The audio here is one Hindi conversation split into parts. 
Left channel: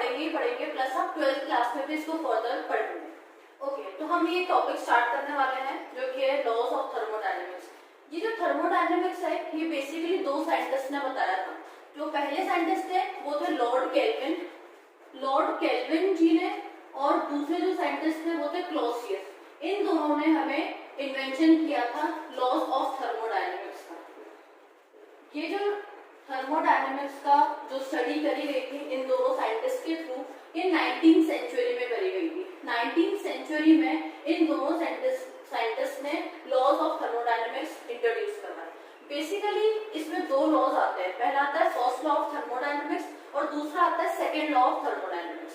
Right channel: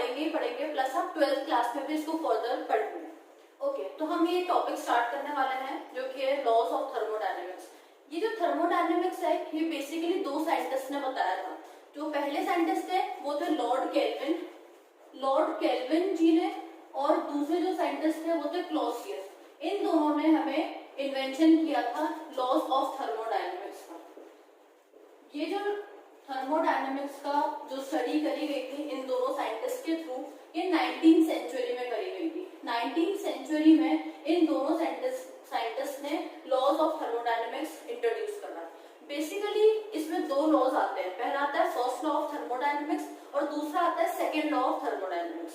पढ़ेंगे ही पढ़ेंगे, प्लस हम 12th क्लास में भी इसको फर्दर पढ़ेंगे। ओके, तो हम ये टॉपिक स्टार्ट करने वाले हैं जो कि है लॉज ऑफ थर्मोडायनेमिक्स। ये जो थर्मोडायनेमिक्स है ये बेसिकली दो साइंटिस्ट ने बताया था। जो पहले साइंटिस्ट थे वो थे लॉर्ड केल्विन जी ने, और दूसरे जो साइंटिस्ट थे वो थे क्लॉसियस। इन दोनों ने हमें इन्वेंशन किया था लॉज ऑफ थर्मोडायनेमिक्स का। ये जो थर्मोडायनेमिक्स का जो स्टडी करी गई थी इन दोनों साइंटिस्ट के थ्रू, ये 19th सेंचुरी में करी गई थी। 19th सेंचुरी में इन दोनों साइंटिस्ट ने लॉज ऑफ थर्मोडायनेमिक्स इंट्रोड्यूस करा। बेसिकली इसमें दो लॉज आते हैं, पहला आता है फर्स्ट लॉ ऑफ थर्मोडायनेमिक्स और दूसरा आता है second law of thermodynamics.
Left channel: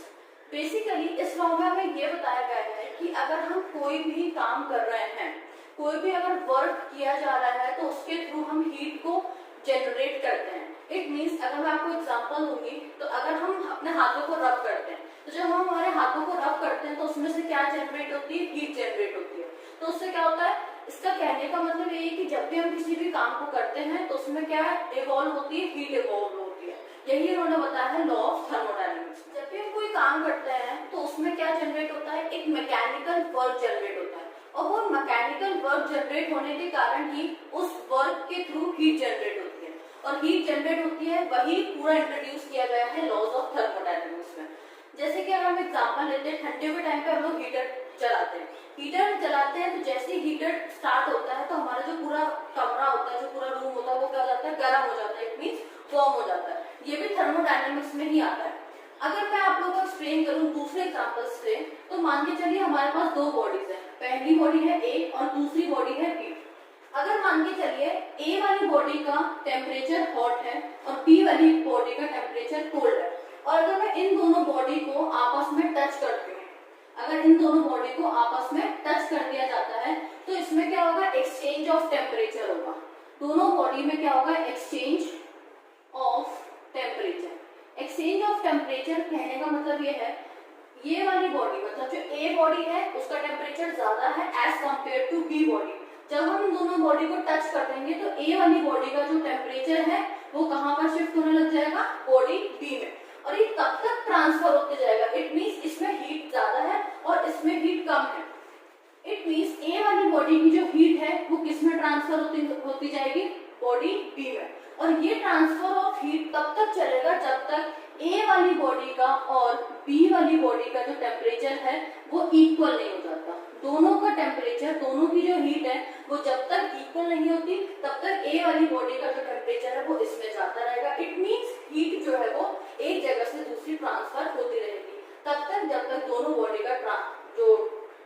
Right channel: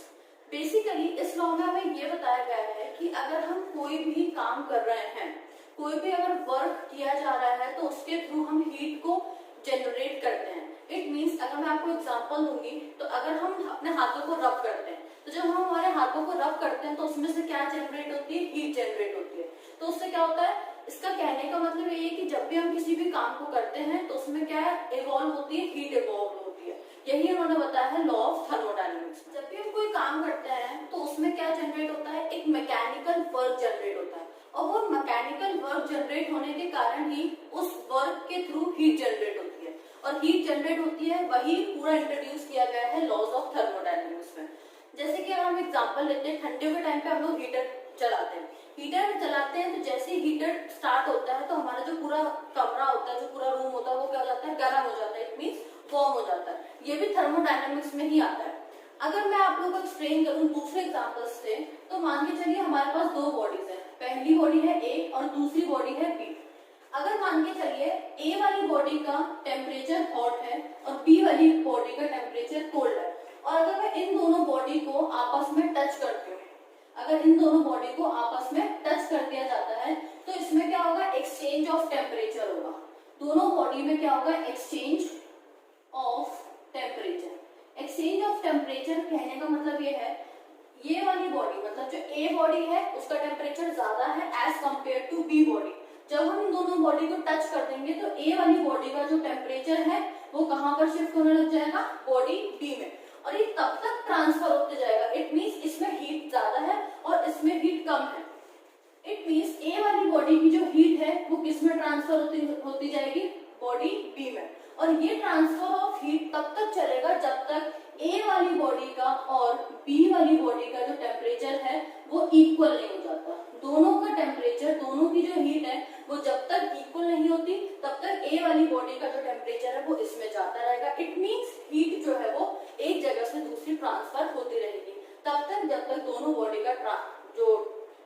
Basically इस लॉ में हमें ये बताया गया है कि अगर हम कोई भी काम कर रहे हैं, कोई भी अगर वर्क किया जा रहा है तो उसके थ्रू हम हीट को जनरेट करते हैं। इट मीन्स अगर मैं आपको एग्जांपल दूंगी तो अगर हम अपने हाथों को रब करते हैं तो जब हम हमारे हाथों को रब करते हैं तो उसमें से क्या जनरेट होती है, हीट जनरेट होती है। तो उससे क्या होता है, इसका कहने का मतलब ये है कि जब भी हम किसी भी काम को करते हैं तो उसमें क्या इवॉल्व होती है, हीट इवॉल्व होती है। यही उन्होंने बताया है लॉ ऑफ थर्मोडायनेमिक्स। जब भी हम कोई काम करते हैं तो उसमें क्या जनरेट होता है, एक मैकेनिकल वर्क जनरेट होता है, और वो मैकेनिकल वर्क जनरेट होने के कारण ही उस वर्क के थ्रू हीट जनरेट होती है, और हीट जनरेट होती है वही पूरा इंट्रोड्यूस किया गया है लॉज ऑफ थर्मोडायनेमिक्स में। जैसे कि अगर हम एग्जांपल लेते हैं, ठंडियों के टाइम पे हम लोग हीटर चलाते हैं। हीटर चलाते हैं तो जैसे ही हीटर स्टार्ट होता है तो हमारा जो पूरा कमरा होता है, जो पूरा रूम होता है, वो क्या हो जाता है, गर्म हो जाता है। इट मींस वार्म हो जाता है। ये भी थर्मोडायनेमिक्स में ही आता है। अगर मैं आप लोगों को एक्सप्लेन करूं दूसरे एग्जांपल से, तो मान के चलिए हमारे पास दो बॉडीज है, पहली बॉडी है ए और दूसरी बॉडी है बी। अगर मान के चलिए ए वाली बॉडी का टेम्परेचर हॉट है और बी वाली बॉडी का टेम्परेचर कोल्ड है, और अगर मैं इन दोनों बॉडी को आपस में टच करती हूँ, अगर इन दोनों बॉडी को आपस में टच कर दिया जाता है तो इसमें क्या होगा, एक्सचेंज ऑफ टेम्परेचर होगा। दोनों बॉडी में क्या होगा, exchange of temperature. Exchange of temperature कहने का मतलब ये है, ये वाली बॉडी मतलब जो ए बॉडी है उसका टेम्परेचर ज्यादा है as compare to be body. जब हम इन दोनों बॉडी को टच कर देंगे तो ए वाली बॉडी का जो टेम्परेचर है वो कहां पर शिफ्ट होने लग जाएगा, बॉडी बी में, और ये तब तक ट्रांसफर होते जाएगा। इट मींस इसमें हीट ज्यादा है और इसमें हीट कम है। इट मींस ए वाली बॉडी की जो हीट है वो किस में ट्रांसफर होती जाएगी, बॉडी बी में। और ये ट्रांसफर ऑफ हीट तब तक चलेगा जब तक ए वाली बॉडी का और बी वाली बॉडी का जो टेम्परेचर है वो इक्वल नहीं हो जाता। दोनों का टेम्परेचर, दोनों की जो हीट है वो जब तक इक्वल नहीं होती तब तक ए वाली बॉडी का जो टेम्परेचर है वो इसमें जाता रहेगा। इट मींस हीट जो है वो एक जगह से दूसरी ट्रांसफर होती रहेगी तब तक जब तक दोनों बॉडी का जो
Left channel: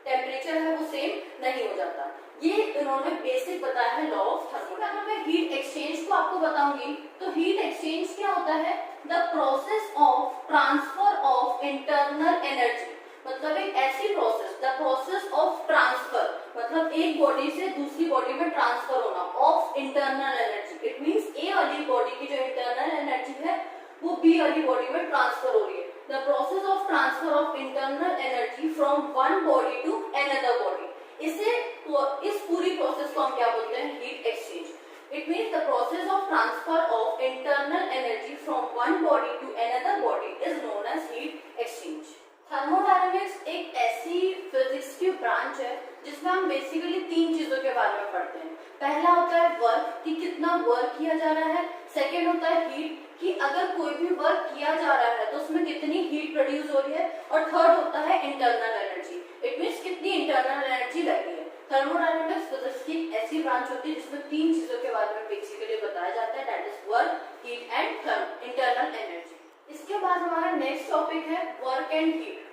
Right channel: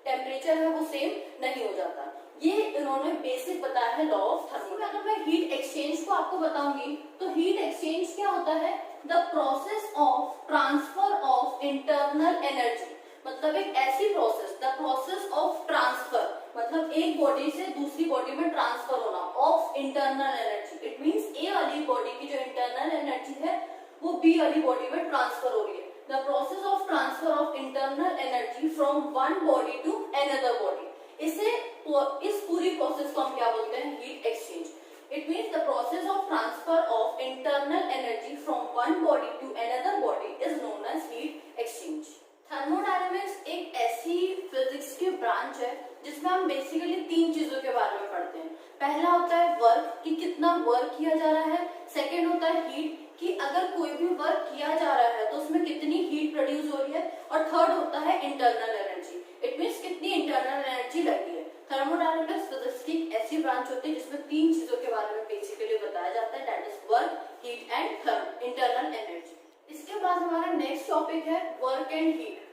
टेम्परेचर है वो सेम नहीं हो जाता। ये इन्होंने बेसिक बताया है लॉ ऑफ थर्मोडायनेमिक्स। अगर मैं हीट एक्सचेंज को आपको बताऊंगी तो हीट एक्सचेंज क्या होता है, the process of transfer of internal energy. मतलब एक ऐसी process, the process of transfer मतलब एक बॉडी से दूसरी बॉडी में ट्रांसफर होना of internal energy. It means A वाली बॉडी की जो इंटरनल एनर्जी है वो बी वाली बॉडी में ट्रांसफर हो रही है। The process of transfer of internal energy from one body to another body. इस पूरी प्रोसेस को हम क्या बोलते हैं, heat exchange. It means the process of transfer of internal energy from one body to another body is known as heat exchange. Thermodynamics एक ऐसी फिजिक्स की ब्रांच है जिसमें हम बेसिकली तीन चीजों के बारे में पढ़ते हैं। पहला होता है वर्क, कि कितना वर्क किया जा रहा है। सेकेंड होता है हीट, कि अगर कोई भी वर्क किया जा रहा है तो उसमें कितनी हीट प्रोड्यूस हो रही है। और थर्ड होता है इंटरनल एनर्जी। इट मींस कितनी इंटरनल एनर्जी लगी है। थर्मोडायनेमिक्स फिजिक्स की ऐसी ब्रांच होती है जिसमें तीन चीजों के बारे में बेसिकली बताया जाता है, that is work, heat and internal energy. इसके बाद हमारा नेक्स्ट टॉपिक है work and heat.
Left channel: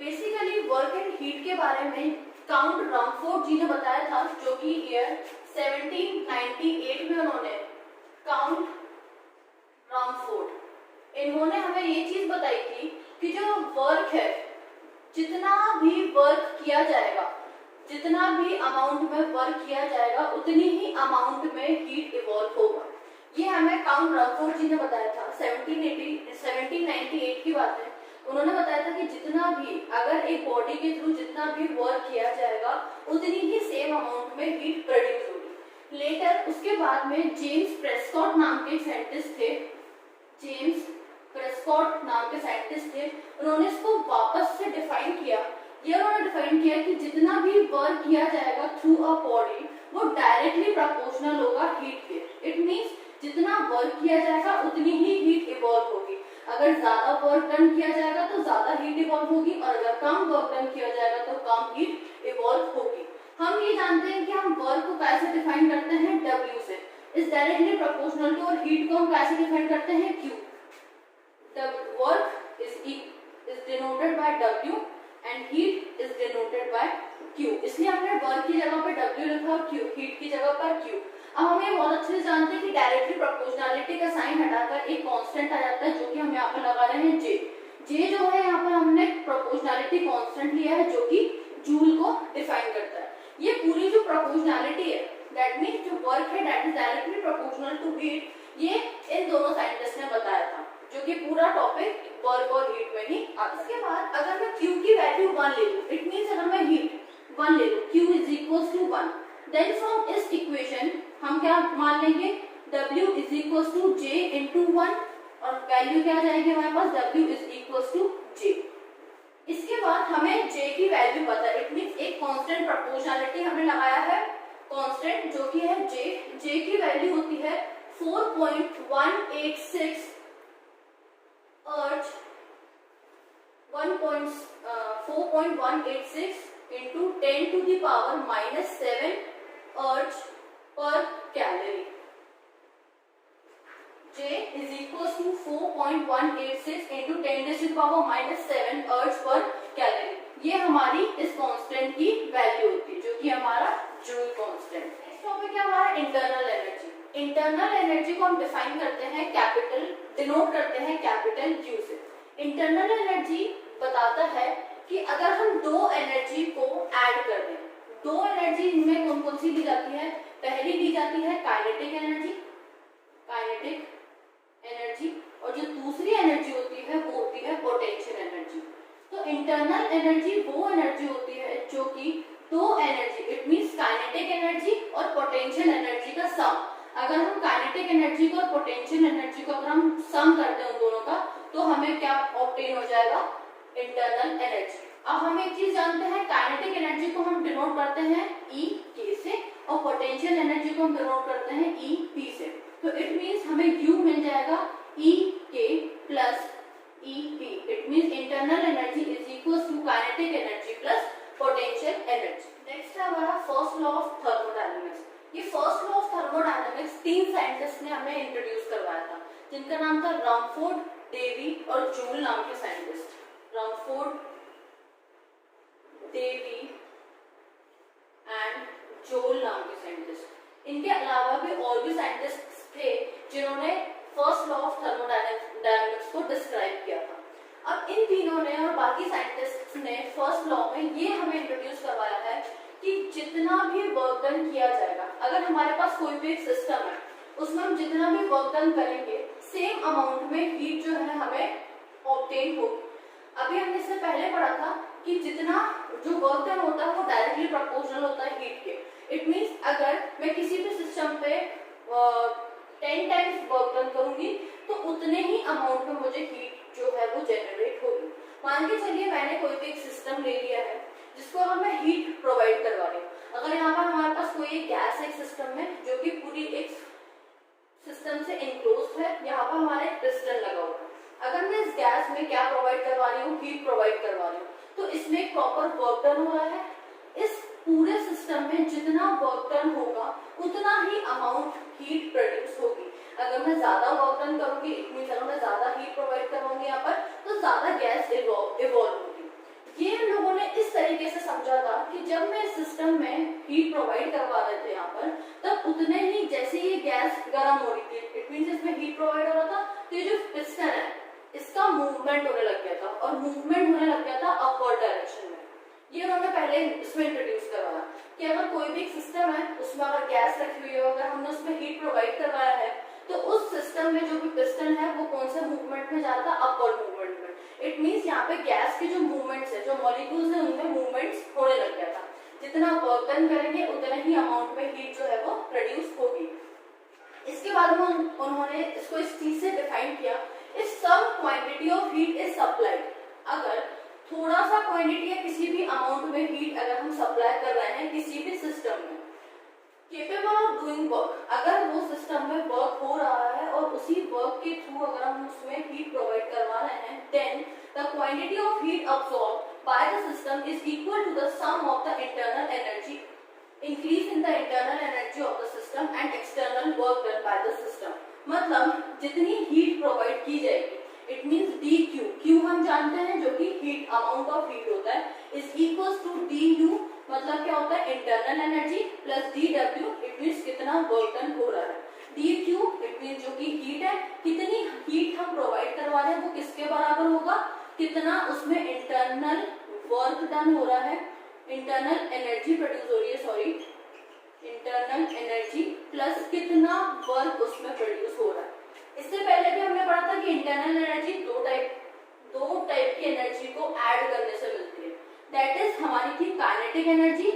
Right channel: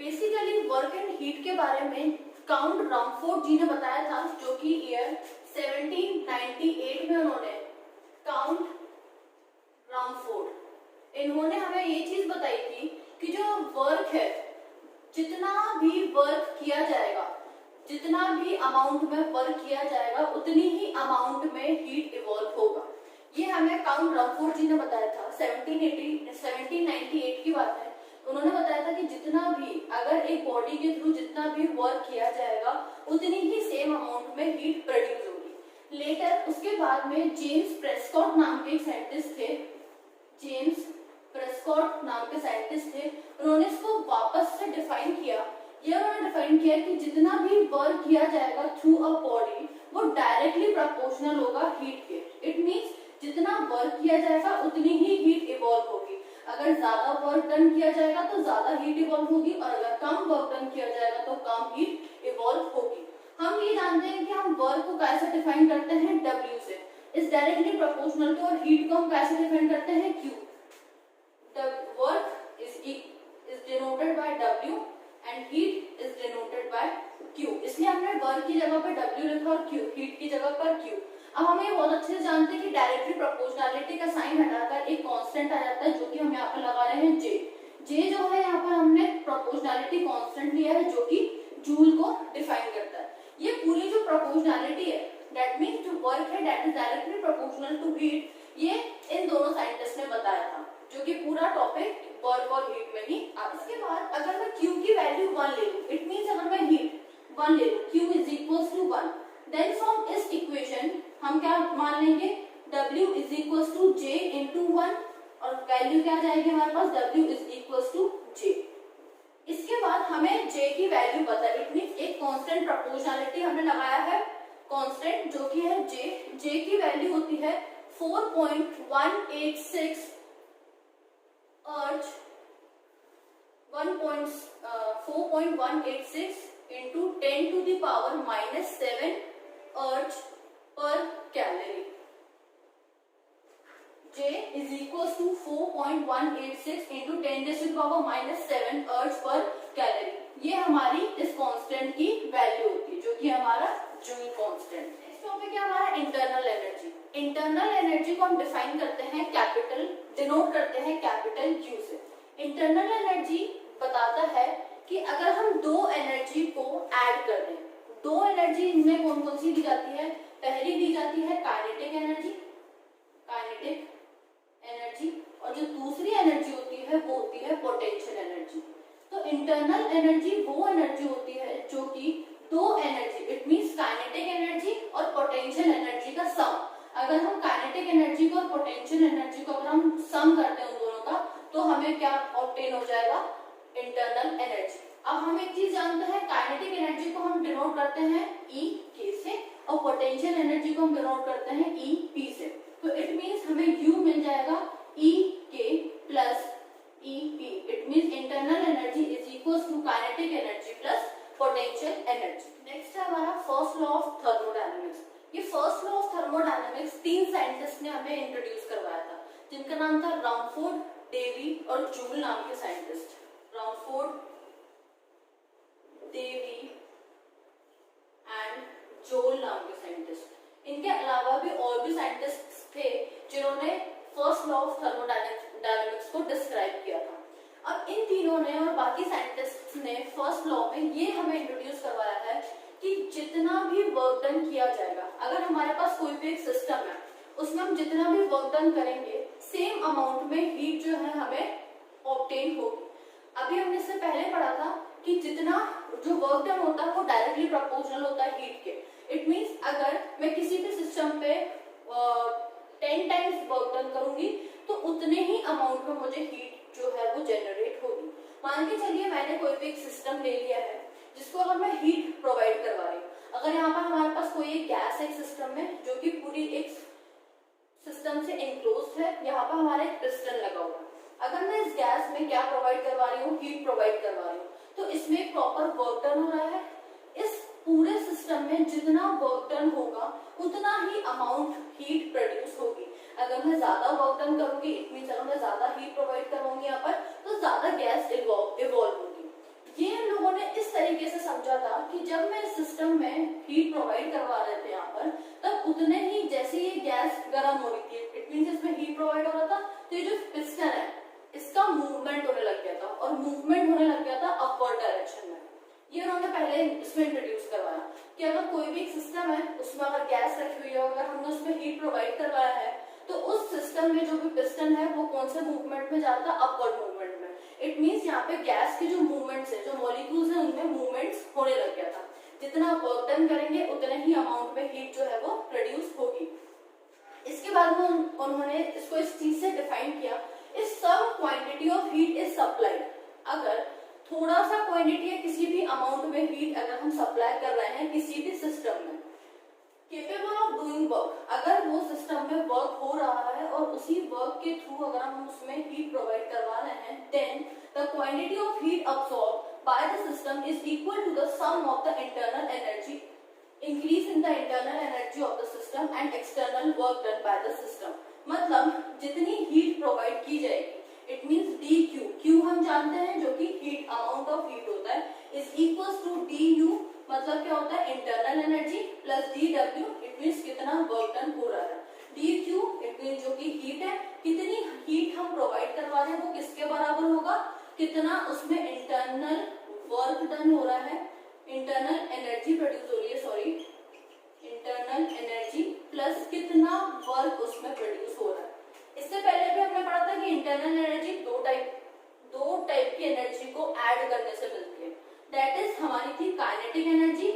Basically work and heat के बारे में काउंट रमफोर्ड जी ने बताया था, जो कि ईयर 1798 में उन्होंने काउंट रमफोर्ड, इन्होंने हमें ये चीज बताई थी कि जो वर्क है, जितना भी वर्क किया जाएगा, जितना भी अमाउंट में वर्क किया जाएगा उतनी ही अमाउंट में हीट इवॉल्व होगा। ये हमें काउंट रमफोर्ड जी ने बताया था। 1798 की बात है। उन्होंने बताया था कि जितना भी, अगर एक बॉडी के थ्रू जितना भी वर्क किया जाएगा उतनी ही सेम अमाउंट में हीट प्रोड्यूस होगी। लेटर उसके बाद में जेम्स प्रेस्कॉट नाम के साइंटिस्ट थे, जेम्स प्रेस्कॉट नाम के साइंटिस्ट थे, होगा हीट के। इट मींस जितना वर्क किया जाएगा उतनी ही हीट इवॉल्व होगी। अगर ज्यादा वर्क डन किया जाएगा तो ज्यादा हीट इवॉल्व होगी, और अगर कम वर्क डन किया जाएगा तो कम हीट इवॉल्व होगी। हम ये जानते हैं कि हम वर्क को कैसे डिफाइन करते हैं, W से, इज डायरेक्टली प्रोपोर्शनल टू, और हीट को हम कैसे डिफाइन करते हैं, Q। Work is denoted by W and heat is denoted by Q। इसलिए हमने वर्क की जगह पर W लिखा और हीट की जगह पर Q। अब हम ये बहुत अच्छे से जानते हैं कि डायरेक्टली प्रोपोर्शनलिटी का साइन हटाकर एक कांस्टेंट आ जाता है, जो कि हम यहाँ पर लगा रहे हैं J। J जो है यहाँ पर हमने प्रोपोर्शनलिटी कांस्टेंट लिया है, जो कि जूल को डिफाइन करता है। ये पूरी जो प्रोपोर्शनलिटी है, दैट मींस जो वर्क है that is directly proportional to heat, ये इन दोनों साइंटिस्ट ने बताया था, जो कि पूरा टॉपिक वर्क और हीट में ही आता है। इसके बाद अगर मैं Q की वैल्यू 1 ले लूं, इट मींस अगर मैं हीट 1 ले लूं, Q is equals to 1, then from इस इक्वेशन हम क्या मान लेंगे, W is equals to J into 1, और वैल्यू क्या आ जाएगी हमारे पास, W is equals to J। इसके बाद हमें J की वैल्यू पता है, इट मींस एक कांस्टेंट प्रोपोर्शनलिटी हमने लगाया है, कांस्टेंट जो कि है J। J की वैल्यू होती है 4.186 अर्ज 4.186 into 10 to the power -7 अर्ज पर calorie. J is equals to 4.186 into 10 to the power -7 अर्ज पर कैलोरी। ये हमारी इस कांस्टेंट की वैल्यू होती है, जो कि हमारा जूल कांस्टेंट। नेक्स्ट टॉपिक है हमारा इंटरनल एनर्जी। इंटरनल एनर्जी को हम डिफाइन करते हैं कैपिटल, डिनोट करते हैं कैपिटल Q से। इंटरनल एनर्जी बताता है कि अगर हम दो एनर्जी को ऐड कर दें, दो एनर्जी इनमें कौन कौन सी दी जाती है, पहली दी जाती है काइनेटिक एनर्जी, और जो दूसरी एनर्जी होती है वो होती है पोटेंशियल एनर्जी। तो इंटरनल एनर्जी वो एनर्जी होती है जो कि दो energy, it means kinetic energy और पोटेंशियल एनर्जी का सम। अगर हम काइनेटिक एनर्जी को और पोटेंशियल एनर्जी को अगर हम सम करते हैं उन दोनों का, तो हमें क्या ऑब्टेन हो जाएगा, इंटरनल एनर्जी। अब हम एक चीज जानते हैं, काइनेटिक एनर्जी को हम डिनोट करते हैं E K से, और पोटेंशियल एनर्जी को हम डिनोट करते हैं E P से। तो इट मींस हमें U मिल जाएगा E K plus E P। It means internal energy is equals to kinetic energy plus potential energy. Next है हमारा फर्स्ट लॉ ऑफ थर्मोडायनेमिक्स। ये first law of thermodynamics 3 scientist ने हमें इंट्रोड्यूस करवाया था, जिनका नाम था रमफोर्ड, डेवी और जूल नाम के scientist. Rumford, Davy and Joule नाम के साइंटिस्ट। इनके अलावा भी और भी साइंटिस्ट थे जिन्होंने फर्स्ट लॉ ऑफ थर्मोडायनेमिक्स को डिस्क्राइब किया था। अब इन तीनों ने और बाकी साइंटिस्ट ने फर्स्ट लॉ में ये हमें इंट्रोड्यूस करवाया है कि जितना भी वर्क डन किया जाएगा, अगर हमारे पास कोई भी एक सिस्टम है, उसमें हम जितना भी वर्क डन करेंगे, सेम अमाउंट में हीट जो है हमें ऑब्टेन होगी। अभी हमने इससे पहले पढ़ा था कि जितना जो वर्क डन होता है वो डायरेक्टली प्रोपोर्शनल होता है हीट के। इट मींस अगर मैं किसी भी सिस्टम पे 10 टाइम्स वर्क डन करूंगी तो उतने ही अमाउंट में मुझे हीट जो है वो जनरेट होगी। मान के चलिए मैंने कोई भी एक सिस्टम ले लिया है जिसको अब मैं हीट प्रोवाइड करवा रही हूँ। अगर यहाँ पर हमारे पास कोई एक गैस है सिस्टम में, जो कि पूरी एक सिस्टम से एनक्लोज्ड है, यहाँ पर हमारा एक पिस्टन लगा हुआ है। अगर मैं इस गैस में क्या प्रोवाइड करवा रही हूँ, हीट प्रोवाइड करवा रही हूँ, तो इसमें प्रॉपर वर्क डन हो रहा है। इस पूरे सिस्टम में जितना वर्क डन होगा उतना ही अमाउंट हीट प्रोड्यूस होगी। अगर मैं ज्यादा वर्क डन करूंगी, इट मींस अगर मैं ज्यादा हीट प्रोवाइड करवाऊंगी यहाँ पर, तो ज्यादा गैस इवॉल्व होगी। ये लोगों ने इस तरीके से समझा था कि जब मैं इस सिस्टम में हीट प्रोवाइड करवा रहे थे यहाँ पर, तब उतने ही जैसे ये गैस गर्म हो रही थी, इट मींस इसमें हीट प्रोवाइड हो रहा था, तो ये जो पिस्टन है इसका मूवमेंट होने लग गया था, और मूवमेंट होने लग गया था अपवर्ड डायरेक्शन में। ये उन्होंने पहले इसमें इंट्रोड्यूस करवाया कि अगर कोई भी सिस्टम है उसमें अगर गैस रखी हुई है, अगर हमने उसमें हीट प्रोवाइड करवाया है, तो उस सिस्टम में जो भी पिस्टन है वो कौन से मूवमेंट में जाता है, अपवर्ड मूवमेंट में। इट मींस यहाँ पे गैस के जो मूवमेंट्स है, जो मॉलिक्यूल्स है, उनमें मूवमेंट्स होने लग गया था। जितना वर्क डन करेंगे उतने ही अमाउंट में हीट जो है वो प्रोड्यूस होगी। इसके बाद में उन्होंने इसको इस चीज से डिफाइन किया, if some quantity of heat is supplied. अगर थोड़ा सा क्वांटिटी या किसी भी अमाउंट में हीट अगर हम सप्लाई कर रहे हैं किसी भी सिस्टम में, केपेबल ऑफ डूइंग वर्क, अगर वो सिस्टम में वर्क हो रहा है और उसी वर्क के थ्रू अगर हम उसमें हीट प्रोवाइड करवा रहे हैं, then the quantity of heat absorb by the system is equal to the sum of the internal energy increase in the internal energy of the system and external work done by the system. मतलब जितनी हीट प्रोवाइड की जाएगी, it means D Q, Q हम जानते हैं जो कि हीट अमाउंट ऑफ हीट होता है, is equals to D U, मतलब क्या होता है internal energy plus D W, it means कितना वर्क डन हो रहा है। डी क्यू इट मींस जो कि हीट है, कितनी हीट हम प्रोवाइड करवा रहे हैं वो किसके बराबर होगा, कितना उसमें इंटरनल वर्क डन हो रहा है, इंटरनल एनर्जी प्रोड्यूस हो रही है, सॉरी इंटरनल एनर्जी प्लस कितना वर्क उसमें प्रोड्यूस हो रहा है। इससे पहले भी हमने पढ़ा था कि इंटरनल एनर्जी दो टाइप की एनर्जी को ऐड करने से मिलती है, दैट इज हमारी थी kinetic energy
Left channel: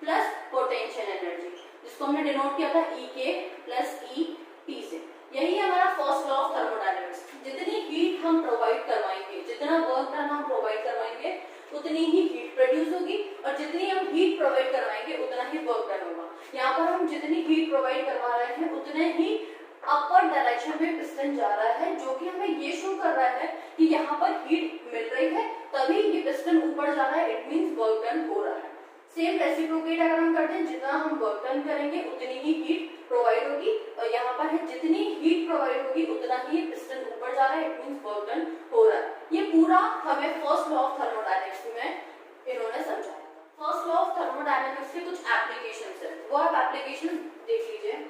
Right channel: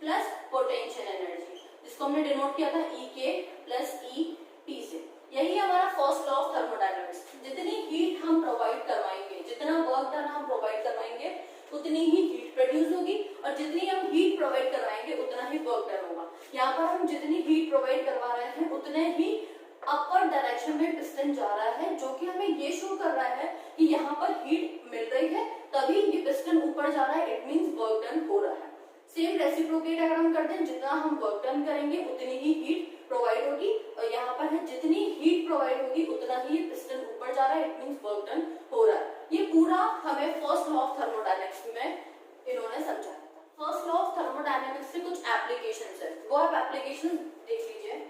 plus potential energy, जिसको हमने डिनोट किया था ई के प्लस ई टी से। यही हमारा फर्स्ट लॉ ऑफ थर्मोडायनेमिक्स, जितनी हीट हम प्रोवाइड करवाएंगे, जितना वर्क डन हम प्रोवाइड करवाएंगे, उतनी ही हीट प्रोड्यूस होगी, और जितनी हम हीट प्रोवाइड करवाएंगे उतना ही वर्क डन होगा। यहाँ पर हम जितनी हीट प्रोवाइड करवा रहे हैं उतने ही अपर डायरेक्शन में पिस्टन जा रहा है, जो कि हमें ये शो कर रहा है कि यहाँ पर हीट मिल रही है तभी ये पिस्टन ऊपर जा रहा है, इट मींस वर्क डन हो रहा है। सेम रेसिप्रोकेट अगर हम करते हैं, जितना हम वर्क डन करेंगे उतनी ही हीट प्रोवाइड होगी, और यहाँ पर है जितनी हीट प्रोवाइड होगी उतना ही पिस्टन ऊपर जा रहा है, इट मींस वर्क डन हो रहा है। ये पूरा हमें फर्स्ट लॉ ऑफ थर्मोडायनेमिक्स में इन्होंने समझाया। फर्स्ट लॉ ऑफ थर्मोडायनेमिक्स के कुछ एप्लीकेशंस है, वो आप एप्लीकेशन देख लीजिए।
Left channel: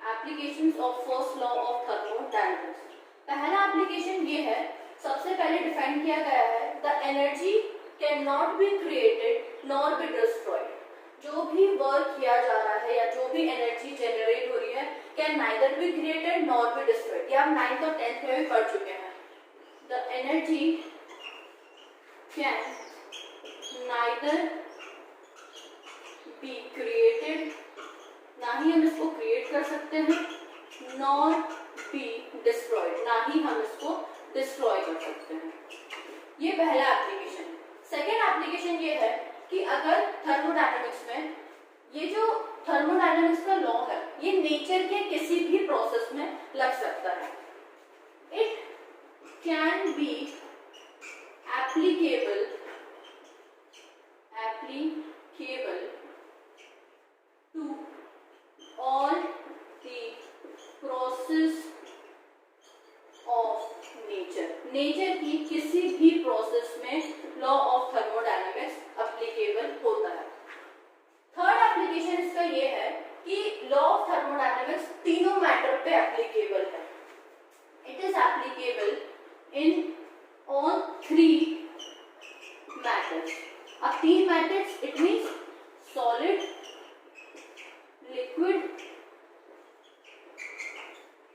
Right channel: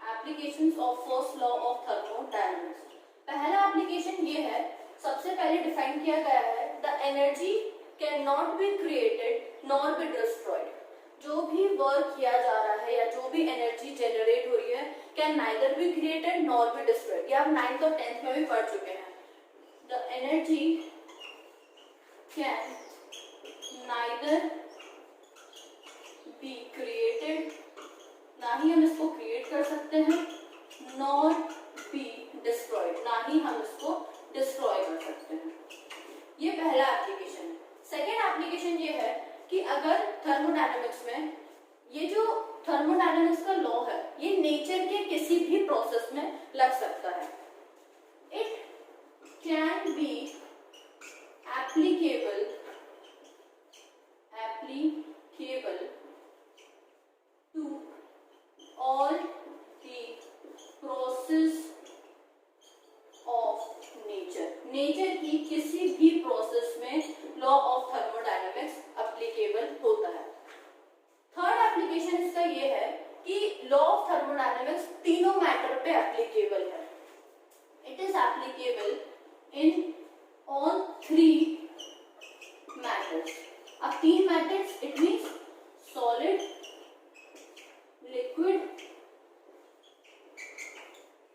Applications of first law of thermodynamics. पहला एप्लीकेशन ये है, सबसे पहले डिफाइन किया गया है, the energy can not be created nor be destroyed. जो भी वर्क किया जा रहा है या जो भी एनर्जी जनरेट हो रही है, can neither be created nor be destroyed. ये आप 9th और 10th में भी पढ़ चुके हैं। The energy can neither be created, ना ही हम इसको क्रिएट कर सकते हैं, नॉर बी डिस्ट्रॉयड, ना ही हम इसको डिस्ट्रॉय कर सकते हैं। ये पहला एप्लीकेशन है। सेकेंड एप्लीकेशन ये है कि अगर थर्मोडायनेमिक्स में ये जो थर्मोडायनेमिक्स का लॉ है, ये नेचर के किसी भी प्रोसेस में लग सकता है। It can be applicable to all the process of nature, nature की किसी भी प्रोसेस में लॉ ऑफ थर्मोडायनेमिक्स एप्लीकेबल होता है। थर्ड एप्लीकेशन इसका ये है कि लॉ ऑफ थर्मोडायनेमिक्स तीनों मैटर पे एप्लीकेबल है। It is applicable in all 3 matters. अब 3 matters it means solid, liquid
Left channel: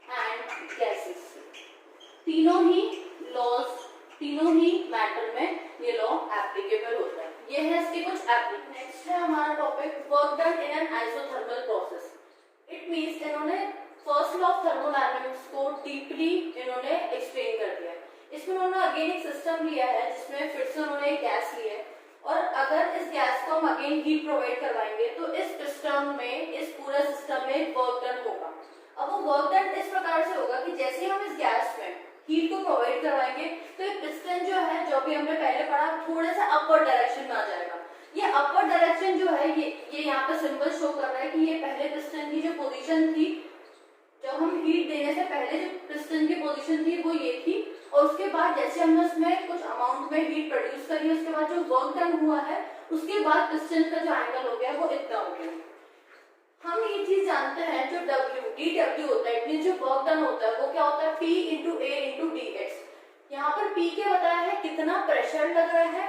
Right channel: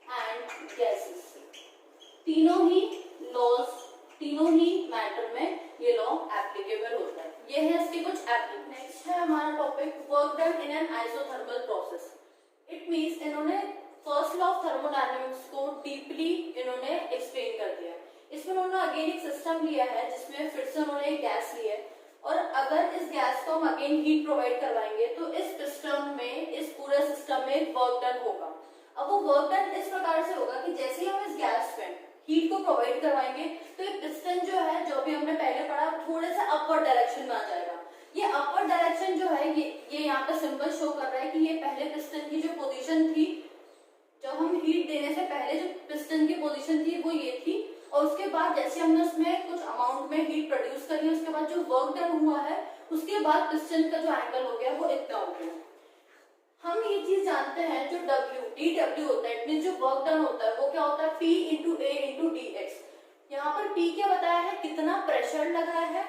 and gases. तीनों ही मैटर में ये लॉ एप्लीकेबल होता है। ये है इसके कुछ एप्लीकेशन। नेक्स्ट है हमारा topic work done in an isothermal process. It means इन्होंने फर्स्ट लॉ ऑफ थर्मोडायनेमिक्स को डीपली इन्होंने एक्सप्लेन कर दिया है। इसमें उन्होंने अगेन एक सिस्टम लिया है जिसमें फिर से उन्होंने एक गैस ली है, और अगर इस गैस को हम अगेन हीट प्रोवाइड करवाएंगे तो इस सिस्टम में, इस पूरे सिस्टम में वर्क डन होगा। अब वो वर्क डन इस प्रकार से होगा कि जैसे ही हम इस गैस में हीट को प्रोवाइड करवाएंगे तो ये पिस्टन जो है, जो भी हमने पहले पढ़ा, थोड़े से अपर डायरेक्शन में आ जाएगा। ये अपर डायरेक्शन जो है, ये यहाँ पे सिंबल शो कर रहा है कि ये पहले पिस्टन की जो पोजीशन थी, जब हम हीट देने से पहले जो पिस्टन की पोजीशन थी वो ये थी, और उसके बाद जैसे हमने उसमें कुछ अमाउंट में हीट प्रोड्यूस करी, उसके बाद जो वर्क डन हुआ है, उसके बाद पिस्टन का जो एंगल हो गया वो इतना हो गया। हम ये चीज जानते हैं, जो dw होता है, इट मींस जो वर्क डन होता है वो क्या होता है, P into A into dx। यहाँ पर P क्या बताया है, कितना प्रेशर लग रहा है,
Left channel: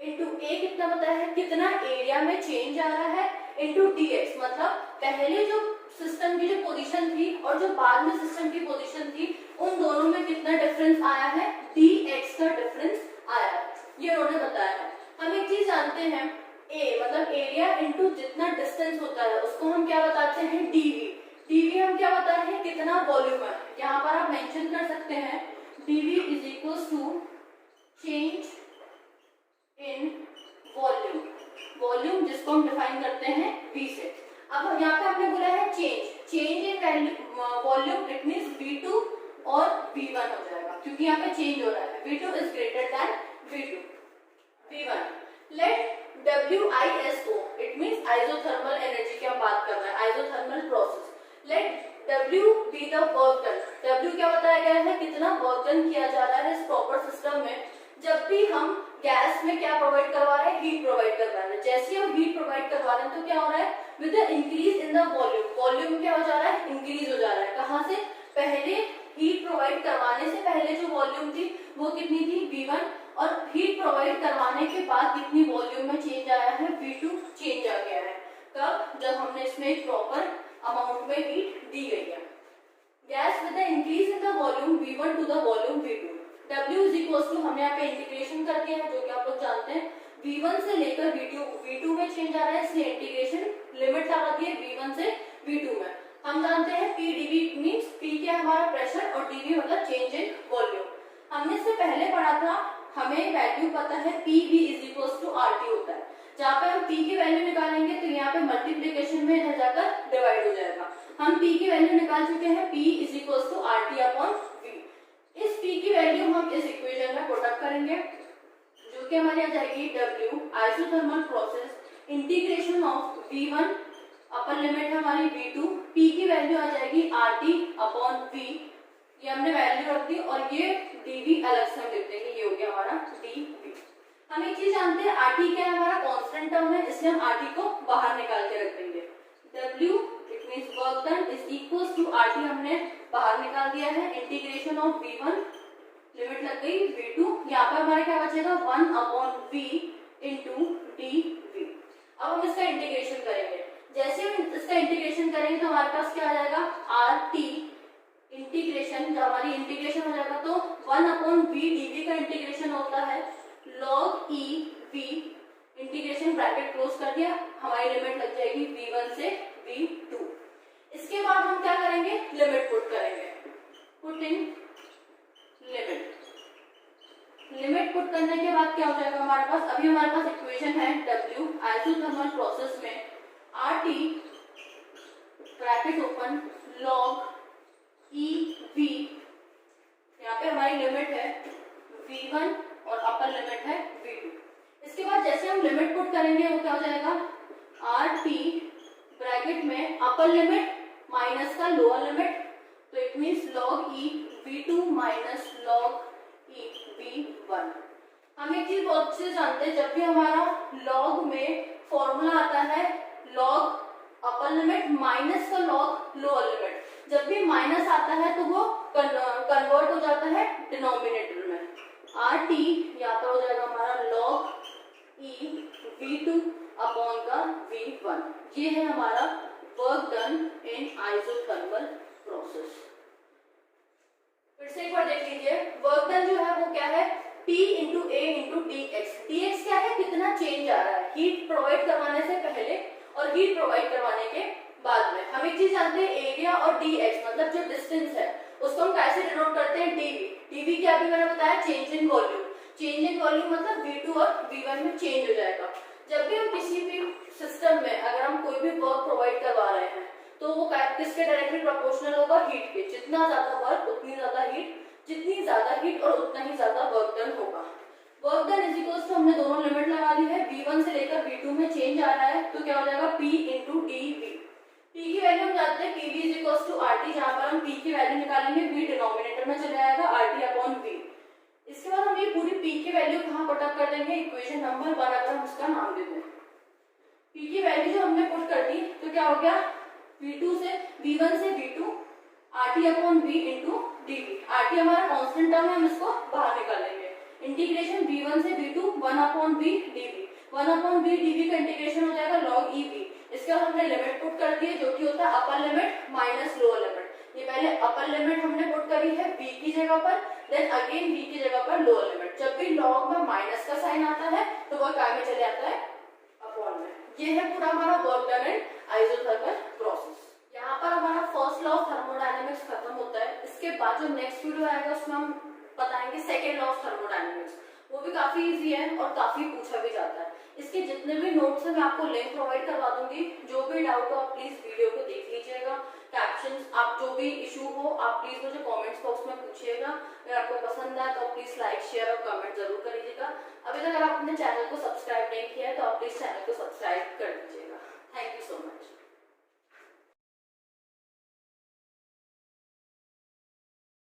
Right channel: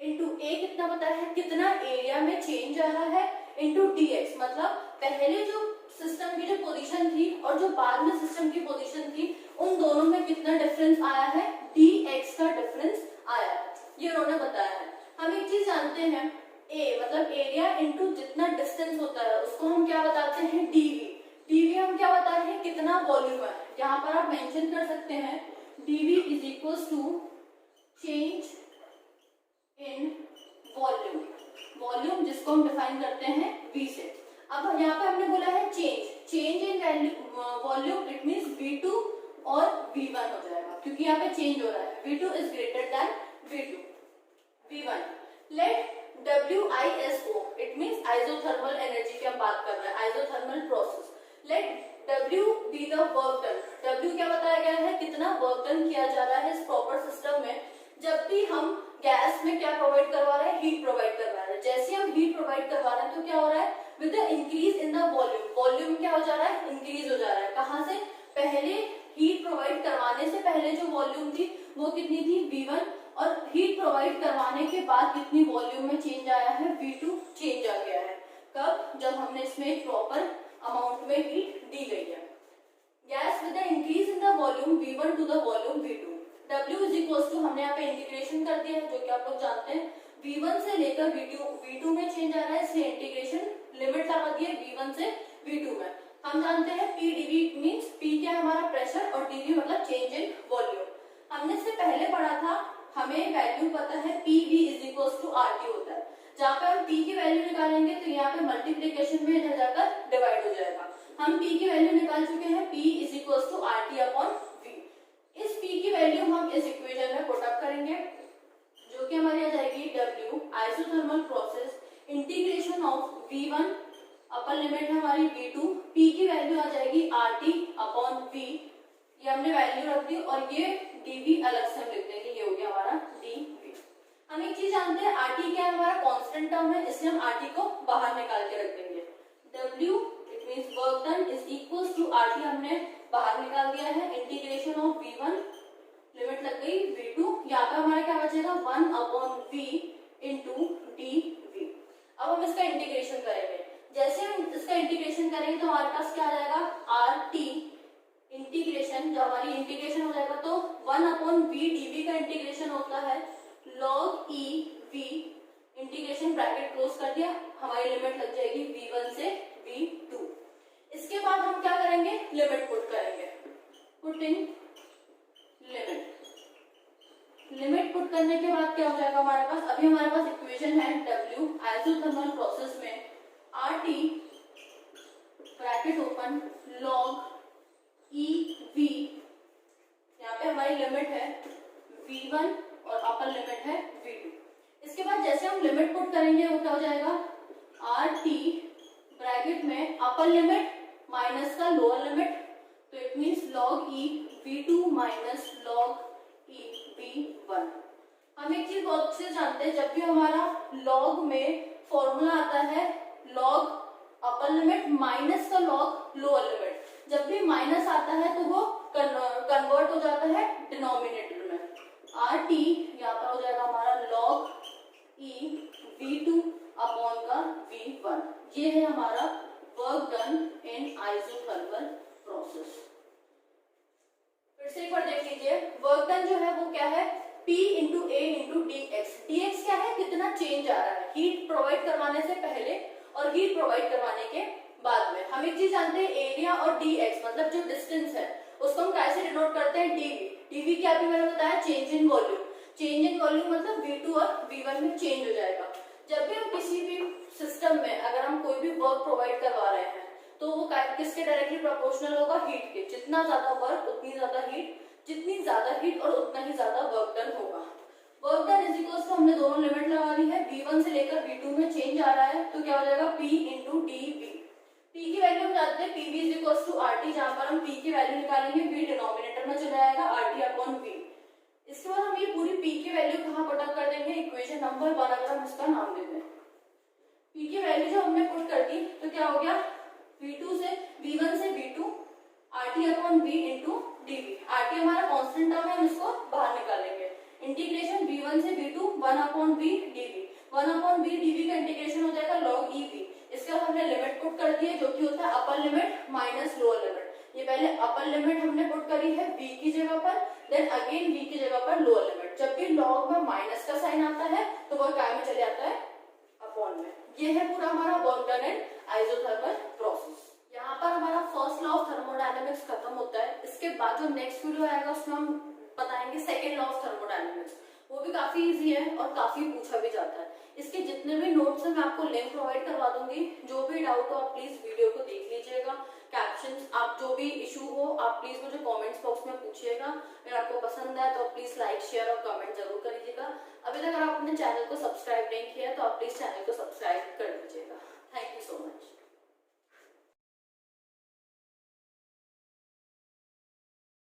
into A कितना बताया है, कितना एरिया में चेंज आ रहा है, into dx मतलब पहले जो सिस्टम की जो पोजीशन थी और जो बाद में सिस्टम की पोजीशन थी, उन दोनों में कितना डिफरेंस आया है, dx का डिफरेंस आया है, ये उन्होंने बताया है। हम एक चीज जानते हैं, A मतलब एरिया इनटू जितना डिस्टेंस होता है उसको हम क्या बताते हैं, dv हम क्या बताते हैं, कितना वॉल्यूम है। यहाँ पर आप मेंशन कर सकते हैं dv is equal to change in volume, जिसको हम डिफाइन करते हैं v से। अब यहाँ पे हमने बोला है change in volume, it means V2 और V1 हो जाएगा, क्योंकि यहाँ पे चेंज हो रहा है। V2 is greater than V1। Let WISO, it means isothermal energy की हम बात कर रहे हैं, isothermal process. Let W be the work done. W क्या बताया गया है, कितना वर्क डन किया जा रहा है इस प्रॉपर सिस्टम में। जब भी हम गैस में क्या प्रोवाइड करवा रहे हैं, हीट प्रोवाइड करवा रहे हैं। जैसे हम हीट प्रोवाइड करवा रहे हैं तो क्या हो रहा है, with the increase in the volume, volume क्या हो जा रहा है, इंक्रीज हो जा रहा है। कहाँ से, पहले हीट प्रोवाइड करवाने से पहले जो वॉल्यूम थी वो कितनी थी, V1, और हीट प्रोवाइड करवाने के बाद कितनी वॉल्यूम में चेंज आया है, V2 चेंज आ गया है। कब, जब हमने इसमें प्रॉपर अमाउंट में हीट दी गई है। Gas with the increase in the volume V1 to the volume V2, W is equal to, हमने यहाँ पे इंटीग्रेशन कर दिया है जो कि आप लोग जानते हैं, V1 से लेकर V2 में चेंज आ रहा है, इसलिए इंटीग्रेशन लिमिट लगा दी है V1 से V2 में। हम जानते हैं P dV मींस P क्या है हमारा प्रेशर, और dV मतलब चेंज इन वॉल्यूम। हमने इससे पहले पढ़ा था, हमें वैल्यू पता है PV is equal to RT होता है। जहाँ पे हम P की वैल्यू निकालेंगे तो यहाँ पे मल्टीप्लीकेशन में इधर जाकर डिवाइड हो जाएगा। हम P की वैल्यू निकाल चुके हैं, P is equal to RT upon V। इस P की वैल्यू हम इस इक्वेशन में पुट अप करेंगे, जो कि हमारी आ जाएगी W isothermal process integration of V1 upper limit है हमारी V2, P की वैल्यू आ जाएगी RT अपॉन V, ये हमने वैल्यू रख दी, और ये dV अलग से हम लिख देंगे, ये हो गया हमारा dV। हम एक चीज जानते हैं, RT क्या है हमारा कांस्टेंट टर्म है, इसलिए हम RT को बाहर निकाल के रख देंगे। W it means work done is equals to RT हमने बाहर निकाल दिया है, इंटीग्रेशन ऑफ V1 लिमिट लग गई V2, यहाँ पर हमारा क्या बचेगा 1 अपॉन V इंटू dV। अब हम इसका इंटीग्रेशन करेंगे। जैसे हम इसका इंटीग्रेशन करेंगे तो हमारे पास क्या आ जाएगा, RT इंटीग्रेशन, जब हमारी इंटीग्रेशन हो जाएगा तो 1 अपॉन V dV का इंटीग्रेशन होता है log E V, integration bracket close कर दिया, हमारी लिमिट लग जाएगी V1 से V2। इसके बाद हम क्या करेंगे, लिमिट पुट करेंगे, put in limit. Limit put करने के बाद क्या हो जाएगा हमारे पास, अभी हमारे पास इक्वेशन है W आइसोथर्मल प्रोसेस में RT bracket open log E V, यहाँ पे हमारी लिमिट है V1 और अपर लिमिट है V2। इसके बाद जैसे हम लिमिट पुट करेंगे वो क्या हो जाएगा, RT ब्रैकेट में अपर लिमिट माइनस का लोअर लिमिट, तो it means log E V2 minus log E V1। हम एक चीज बहुत अच्छे से जानते हैं, जब भी हमारा log में फॉर्मूला आता है log अपर लिमिट माइनस का log लोअर लिमिट, जब भी माइनस आता है तो वो कन्वर्ट हो जाता है डिनोमिनेटर में। RT यहाँ पर हो जाएगा हमारा log E V2 अपॉन का V1। ये है हमारा work done in isothermal process. फिर से एक बार देख लीजिए, वर्क डन जो है वो क्या है, P into A into dx। dx क्या है, कितना चेंज आ रहा है हीट प्रोवाइड करवाने से पहले और हीट प्रोवाइड करवाने के बाद में। हम एक चीज जानते हैं, एरिया और dx मतलब जो डिस्टेंस है उसको हम कैसे डिनोट करते हैं, dv। dv क्या अभी मैंने बताया, change in volume. Change in volume मतलब V2 और V1 में चेंज हो जाएगा। जब भी हम किसी भी सिस्टम में अगर हम कोई भी वर्क प्रोवाइड करवा रहे हैं तो वो किसके डायरेक्टली प्रोपोर्शनल होगा, हीट के। जितना ज्यादा वर्क उतनी ज्यादा हीट, जितनी ज्यादा हीट और उतना ही ज्यादा वर्क डन होगा। Work done is equals to, हमने दोनों लिमिट लगा दी है, V1 से लेकर V2 में चेंज आ रहा है तो क्या हो जाएगा P इंटू dV। P की वैल्यू हम जानते हैं PV is equals to RT, जहां पर हम P की वैल्यू निकालेंगे V डिनोमिनेटर में चले जाएगा RT अपॉन V। इसके बाद हम ये पूरी P की वैल्यू कहाँ पुट अप कर देंगे, इक्वेशन नंबर 1 अगर हम उसका नाम देते हैं। P की वैल्यू जो हमने पुट कर दी तो क्या हो गया, V1 से V2 RT upon V into dV। RT हमारा कांस्टेंट टर्म है, हम इसको बाहर निकालेंगे। इंटीग्रेशन V1 से V2 1 upon V dV। 1 upon V dV का इंटीग्रेशन हो जाएगा log E V। इसके बाद हमने लिमिट पुट कर दी है जो कि होता है upper limit minus lower limit. ये पहले अपर लिमिट हमने पुट करी है V की जगह पर, देन अगेन V की जगह पर लोअर लिमिट। जब भी log में माइनस का साइन आता है तो वो काय में चले जाता है, अपॉन में। ये है पूरा हमारा work done in isothermal process. यहाँ पर हमारा फर्स्ट लॉ ऑफ थर्मोडायनेमिक्स खत्म होता है। इसके बाद जो नेक्स्ट वीडियो आएगा उसमें हम बताएंगे सेकेंड लॉ ऑफ थर्मोडायनेमिक्स। वो भी काफी इजी है और काफी पूछा भी जाता है। इसके जितने भी नोट्स हैं मैं आपको लिंक प्रोवाइड करवा दूंगी, जो भी डाउट हो आप प्लीज आप प्लीज मुझे कमेंट्स बॉक्स में पूछिएगा। अगर आपको पसंद है तो प्लीज लाइक शेयर और कमेंट जरूर करिएगा। अभी तक अगर आपने चैनल को सब्सक्राइब नहीं किया है तो आप प्लीज चैनल को